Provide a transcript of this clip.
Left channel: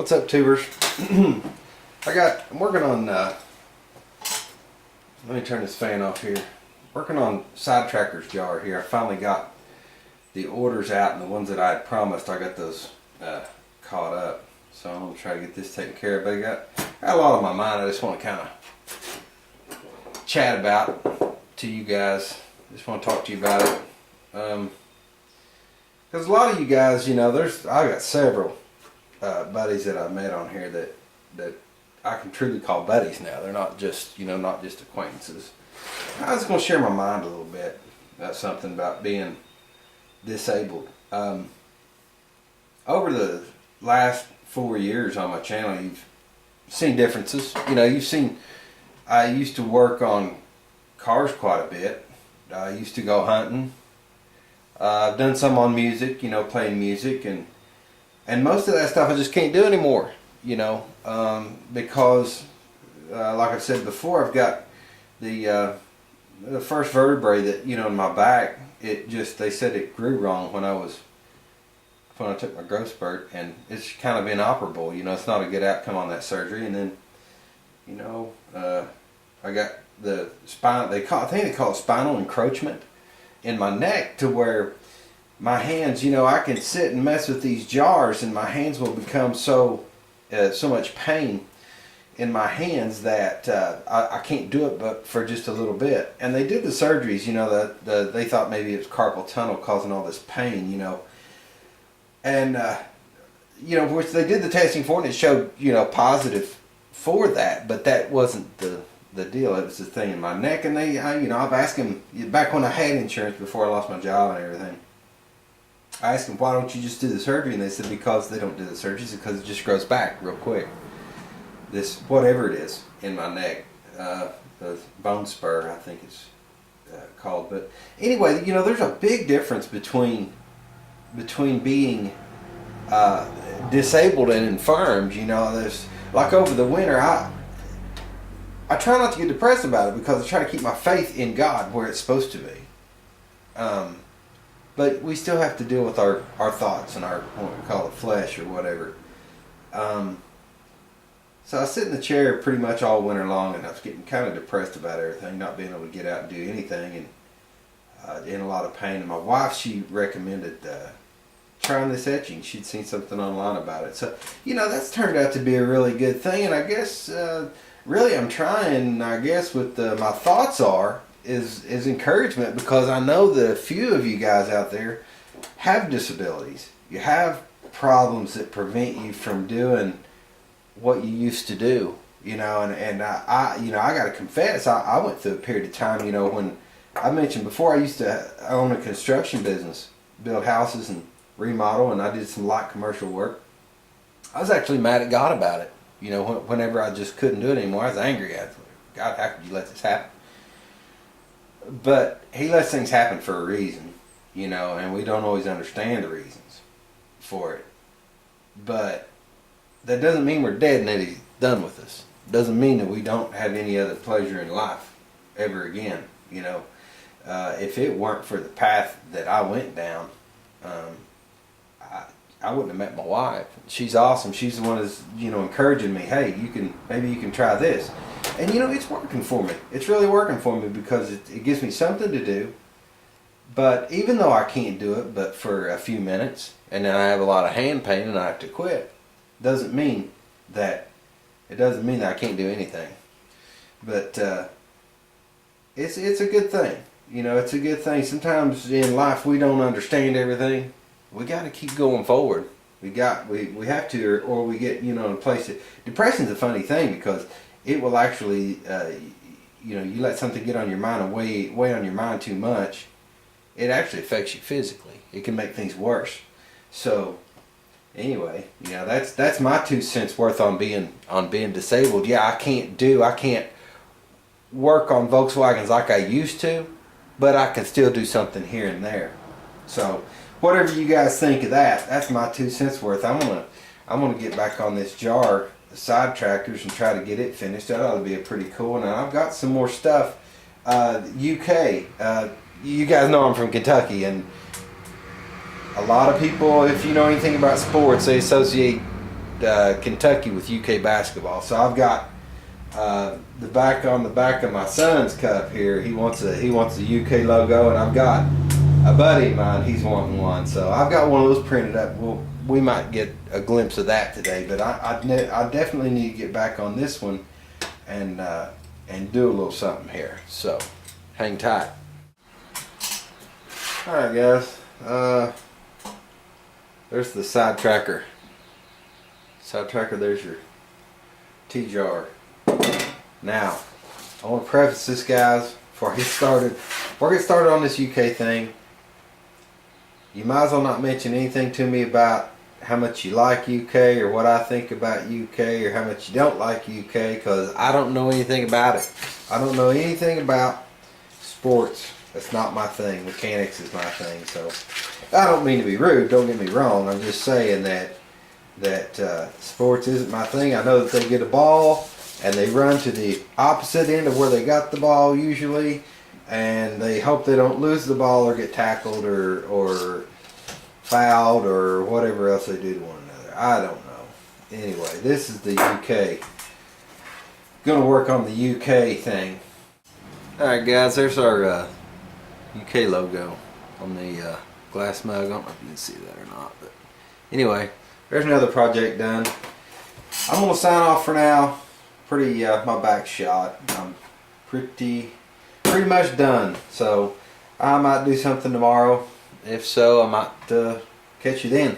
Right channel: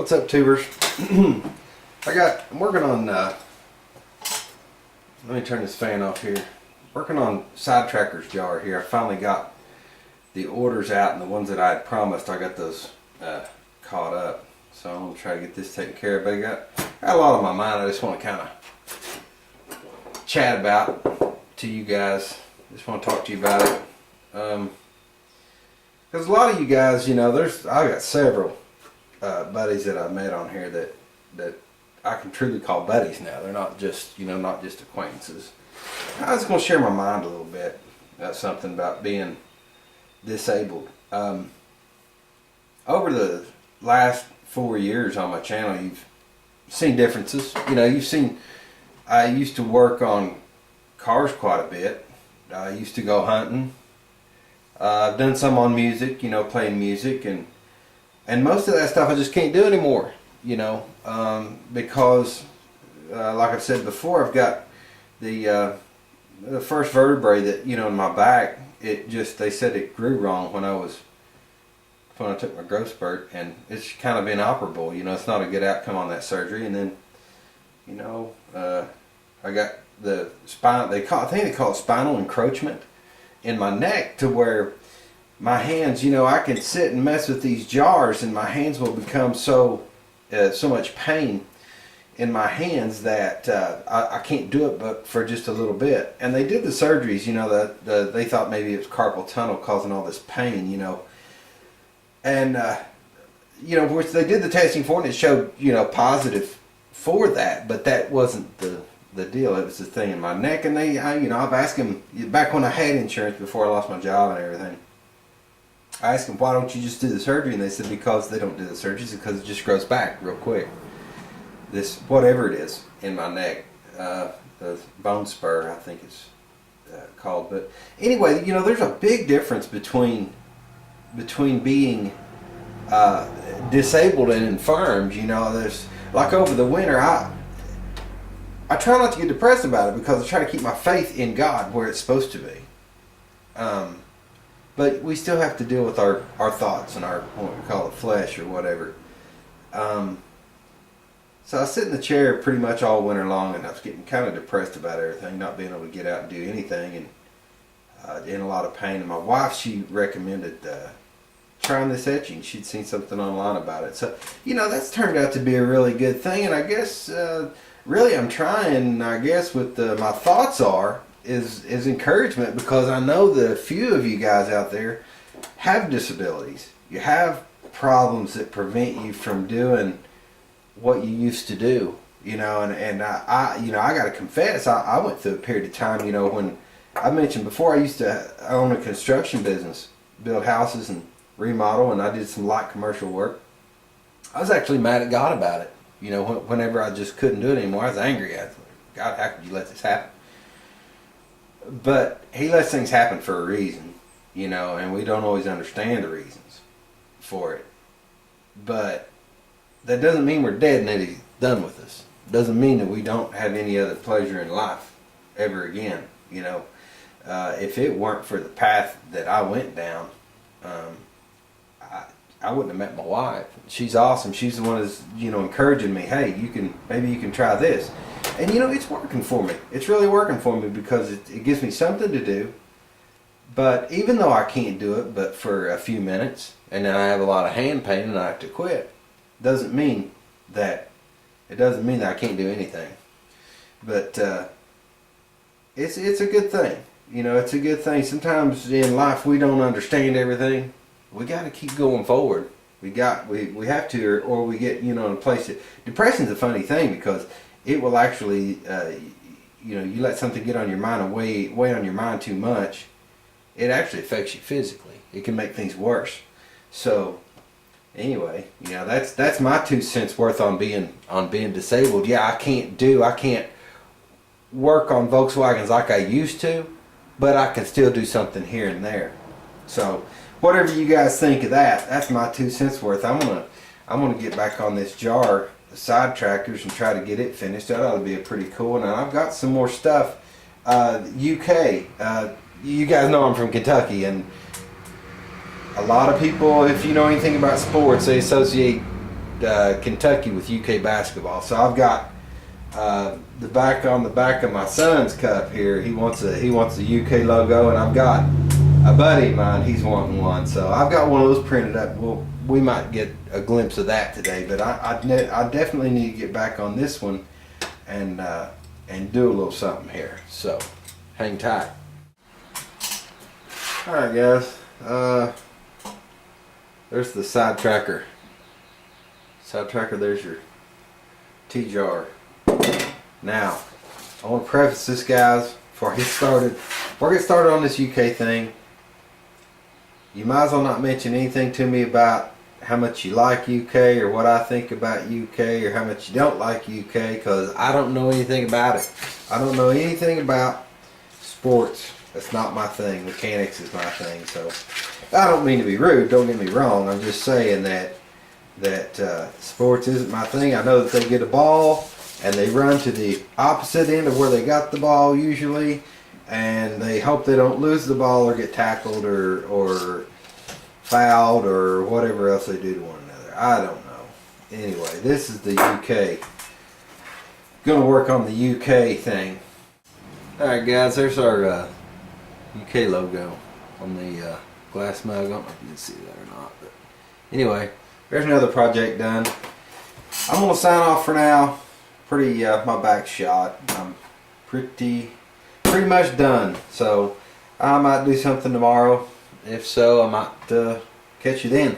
What's up, tubers? I'm working on, let me turn this fan off here. Working on Sidetracker's jar here. I finally got the orders out, and the ones that I had promised, I got those caught up. So I'm going to try to get this taken care of. But I got a lot on my mind I just want to kind of chat about to you guys. Just want to talk to you about it. Because a lot of you guys, you know, I got several buddies that I've met on here that I can truly call buddies now. They're not just, not just acquaintances. I was going to share my mind a little bit about something about being disabled. Over the last 4 years on my channel, you've seen differences. I used to work on cars quite a bit. I used to go hunting. I've done some on music, playing music, and most of that stuff I just can't do anymore, because, like I've said before, I've got the first vertebrae that, in my back, they said it grew wrong when I took my growth spurt, and it's kind of inoperable, it's not a good outcome on that surgery. And then, I got the spine, I think they call it spinal encroachment in my neck, to where my hands, I can sit and mess with these jars and my hands will become so much pain in my hands that I can't do it but for just a little bit. And they did the surgeries, they thought maybe it was carpal tunnel causing all this pain, and which they did the testing for, and it showed, positive for that, but that wasn't the deal. It was the thing in my neck. And I've asked them back when I had insurance before I lost my job and everything. I asked them, why don't you just do the surgery? And they said, because they don't do the surgeries, because it just grows back real quick. This, whatever it is in my neck, the bone spur, I think it's called. But anyway, there's a big difference between being disabled and infirmed. There's, like, over the winter, I try not to get depressed about it, because I try to keep my faith in God where it's supposed to be. But we still have to deal with our thoughts and our, what we call the flesh or whatever. So I sit in the chair pretty much all winter long, and I was getting kind of depressed about everything, not being able to get out and do anything, and in a lot of pain. And my wife, she recommended trying this etching. She'd seen something online about it. So, that's turned out to be a really good thing. And I guess, really I'm trying, I guess, with my thoughts is encouragement, because I know that a few of you guys out there have disabilities. You have problems that prevent you from doing what you used to do, and I got to confess, I went through a period of time, when I mentioned before, I used to own a construction business, build houses and remodel, and I did some light commercial work. I was actually mad at God about it. Whenever I just couldn't do it anymore, I was angry at him. God, how could you let this happen? But He lets things happen for a reason, and we don't always understand the reasons for it. But that doesn't mean we're dead and that He's done with us. It doesn't mean that we don't have any other pleasure in life ever again. If it weren't for the path that I went down, I wouldn't have met my wife. She's awesome. She's the one that's, encouraging me. Hey, maybe you can try this. And, it's working for me. It's really working for me, because it gives me something to do. But even though I can't do it but for a few minutes, and then I have a lot of hand pain and I have to quit, doesn't mean that I can't do anything. But it's a good thing. It's a good thing. Sometimes in life we don't understand everything. We got to keep going forward. We have to, or we get, in a place that, depression's a funny thing, because it will actually, you let something get on your mind and weigh on your mind too much, it actually affects you physically. It can make things worse. So anyway, that's my 2 cents worth on being disabled. Yeah, I can't work on Volkswagens like I used to, but I can still do something here and there. So whatever you guys think of that, that's my 2 cents worth. I'm gonna get back on this jar, the Sidetrackers, and try to get it finished. That ought to be a pretty cool one. And I've got some more stuff. UK, you guys know I'm from Kentucky, and a lot of people, if you know anything about sports, they associate Kentucky with UK basketball. So I've got the back of my son's cup here. He wants the UK logo, and I've got a buddy of mine. He's wanting one, so I've got one of those printed up. We might get a glimpse of that today, but I definitely need to get back on this one and do a little something here. So hang tight. All right, guys. There's the side tracker. There's your T-jar. Now, I want to preface this, guys, before I get started on this UK thing. You might as well not mention anything to me about how much you like UK or what I think about UK or how much you don't like UK, because I don't know anything about it. I don't know anything about sports. That's not my thing. Mechanics is my thing. So I don't mean to be rude. Don't get me wrong. I'm just saying that sports isn't my thing. I know that they get a ball and they run to the opposite end of where they got the ball usually, and they hope they don't lose the ball or get tackled or fouled or whatever else they do to one another. I don't know. Anyway, this is the UK. Gonna work on the UK thing. Alright, guys, there's our UK logo on the glass mug. I don't know if you can see that or not, but anyway, there's another project done. I'm gonna sign off for now. My back's shot. I'm pretty much done. So I might do something tomorrow. If so, I might catch you then.